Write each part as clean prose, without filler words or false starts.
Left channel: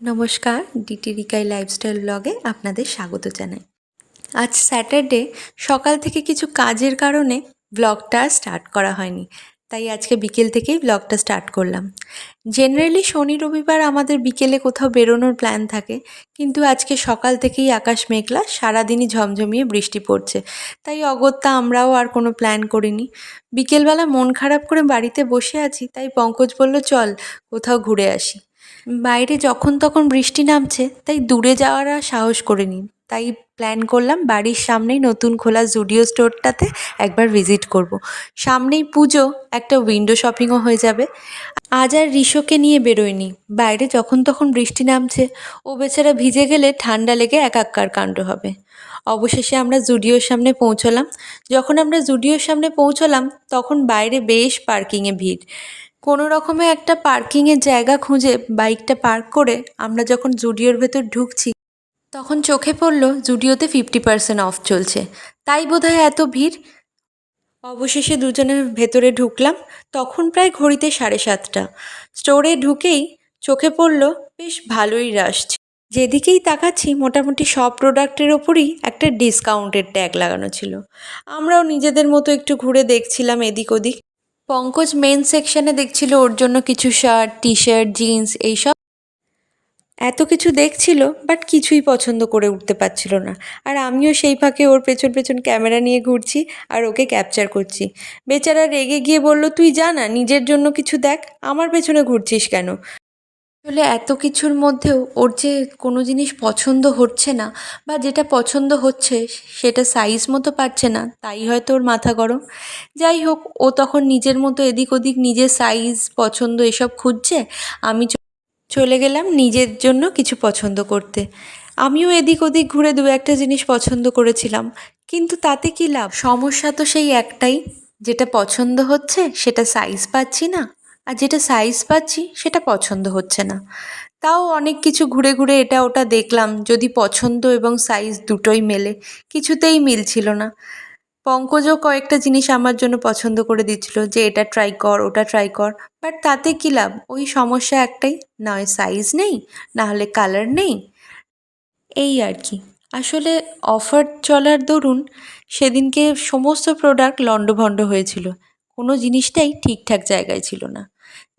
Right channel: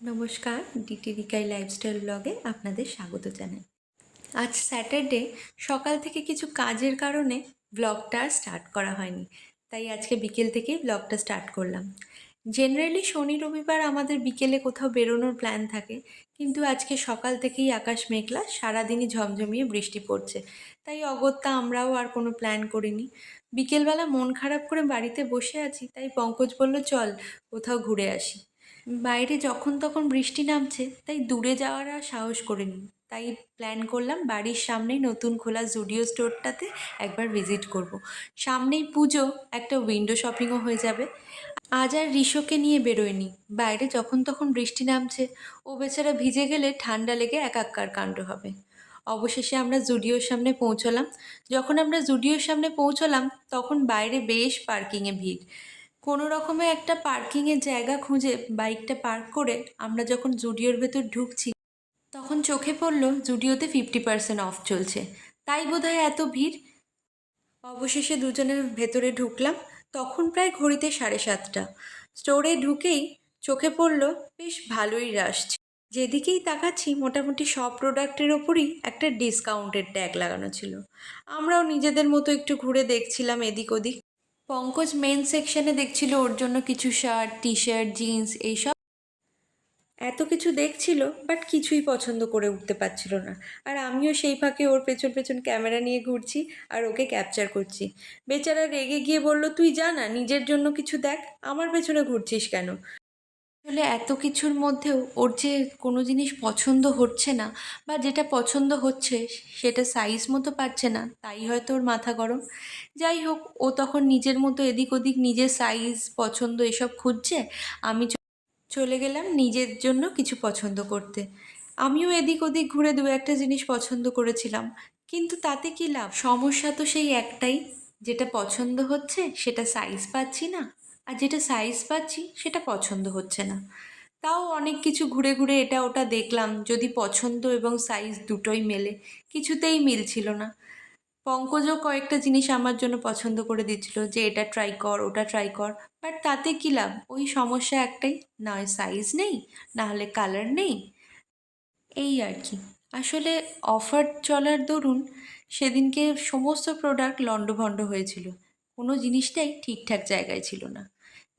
নমস্কার, DT রিকাই lifestyle ব্লগে আপনাদের স্বাগত জানাই। আজ স্যাটারডে, সকাল থেকে কিছু কাজের কারণে ব্লগটা স্টার্ট করা হয়নি, তাই আজকে বিকেল থেকেই ব্লগটা স্টার্ট করলাম। জেনারেলি শনি রবিবার আমাদের বিকেলে কোথাও বেরোনোর প্ল্যান থাকে, কিন্তু আজকে সকাল থেকেই আকাশ মেঘলা, সারাদিনই ঝমঝমিয়ে বৃষ্টি পড়ছে, তাই অগত্যা আমরাও আর কোনো প্ল্যান করিনি। বিকেলবেলা মন খারাপ করে বাড়িতে বসে আছি, তাই পঙ্কজ বলল চল কোথাও ঘুরে আসি। বাইরে যখন তখন বৃষ্টি নামছে, তাই দূরে যাওয়ার আর সাহস করিনি। তাই প্ল্যান করলাম বাড়ির সামনেই নতুন খোলা জুডিও স্টোরটাতে একবার ভিজিট করব। সামনেই পুজো, একটা উইন্ডো শপিংও হয়ে যাবে। আজ আর রিশোকে নিয়ে বেরোয়নি, বাইরে যখন তখন বৃষ্টি নামছে, ও বেচারা ভিজে গেলে ঠান্ডা লেগে একাক্কার কাণ্ড হবে। অবশেষে আমরা জুডিওর সামনে পৌঁছলাম। যখন আমরা জুডিওর সামনে পৌঁছলাম তখন বাইরে বেশ পার্কিংয়ে ভিড়। কোনো রকমে একটা পার্কিংয়ের জায়গা খুঁজে বাইকটা পার্ক করে আমরা যখন জুডিওর ভেতর ঢুকছি, তখন চোখে পড়ল জুডিওতে 50% অফ চলছে, তাই বোধহয় এত ভিড়। অবশেষে দুজনের ভেতরে ঢুকলাম, তখন প্রায় ঘড়িতে 7:30। স্টোরে ঢুকেই চোখে পড়ল বেশ ভালোই রাশ। যেদিকেই তাকাচ্ছি মোটামুটি সব প্রোডাক্টের ওপরই একটা ডিসকাউন্টের ট্যাগ লাগানো ছিল। আমরাও নিজেদের মতো একটু ঘুরে দেখছিলাম এদিক ওদিক। পঙ্কজ মেন সেকশনে দেখছিল ওর জন্য কিছু শার্ট, টি শার্ট, জিন্স এইসব। এত কিছু দেখছিল, বাট কিছুই পছন্দ করে উঠতে পারছিল না। আর আমিও সেই ফাঁকে ওর পেছন পেছন ক্যামেরা নিয়ে ঘুরছি আর ওকে ক্যাপচার করছি। বেচারা রেগে গিয়ে বলল, তুই যা না, নিজের জন্য কিছু দেখ, আমার পেছনে ঘুরছিস কেন? আসলে এত কিছুর মধ্যেও ওর যে কোনো জিনিস পছন্দ হচ্ছে না, বা যেটা পছন্দ হচ্ছে সেটা সাইজ মতো পাচ্ছে না, তাই হয়তো ওর মাথা গরম। যাই হোক, ও তখন নিজের মতো এদিক ওদিক নিজের সাইজ পছন্দ এসব খুঁজছে। আমি চলে গেলাম নিজের জন্য কিছু পছন্দ করতে। আমিও এদিক ওদিক ঘুরে দু একটা জিনিস পছন্দ করেছিলাম, কিন্তু তাতে কী লাভ? সমস্যা তো সেই একটাই, যেটা পছন্দ হচ্ছে সেটা সাইজ পাচ্ছি না, আর যেটা সাইজ পাচ্ছি সেটা পছন্দ হচ্ছে না। তাও অনেক কিছু ঘুরে ঘুরে এটা ওটা দেখলাম, যদি পছন্দ এবং সাইজ দুটোই মেলে, কিছুতেই মিলছিল না। পঙ্কজও কয়েকটা জিনিস আমার জন্য পছন্দ করে দিচ্ছিল যে এটা ট্রাই কর, ওটা ট্রাই কর, বাট তাতে কী লাভ? ওই সমস্যা একটাই, না হয় সাইজ নেই, না হলে কালার নেই, এই আর কি। আসলে অফার চলার দরুন সেদিনকে সমস্ত প্রোডাক্ট লণ্ডভণ্ড হয়েছিল, কোনো জিনিসটাই ঠিকঠাক জায়গায় ছিল না।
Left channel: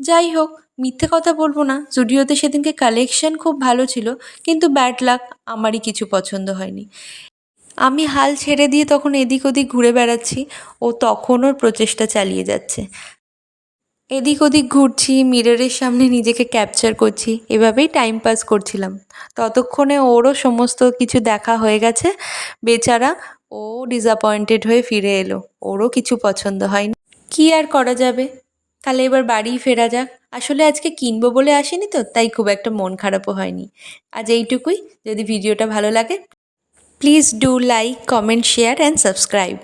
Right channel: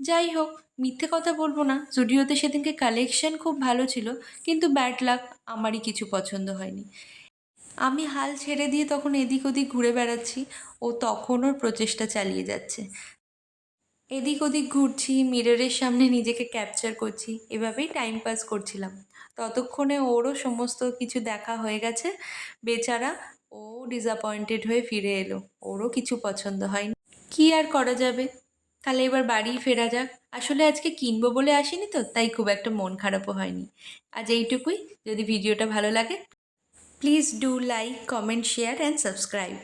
যাই হোক, মিথ্যে কথা বলবো না, জুডিওতে সেদিনকে কালেকশন খুব ভালো ছিল, কিন্তু ব্যাড লাক, আমারই কিছু পছন্দ হয়নি। আমি হাল ছেড়ে দিয়ে তখন এদিক ওদিক ঘুরে বেড়াচ্ছি, ও তখন ওর প্রচেষ্টা চালিয়ে যাচ্ছে। এদিক ওদিক ঘুরছি, মিররের সামনে নিজেকে ক্যাপচার করছি, এভাবেই টাইম পাস করছিলাম। ততক্ষণে ওরও সমস্ত কিছু দেখা হয়ে গেছে। বেচারা, ও ডিসঅ্যাপয়েন্টেড হয়ে ফিরে এলো, ওরও কিছু পছন্দ হয়নি। কী আর করা যাবে, তাহলে এবার বাড়িই ফেরা যাক। আসলে আজকে কিনবো বলে আসিনি তো, তাই খুব একটা মন খারাপও হয়নি। আজ এইটুকুই। যদি ভিডিওটা ভালো লাগে, please do like, comment, share and subscribe.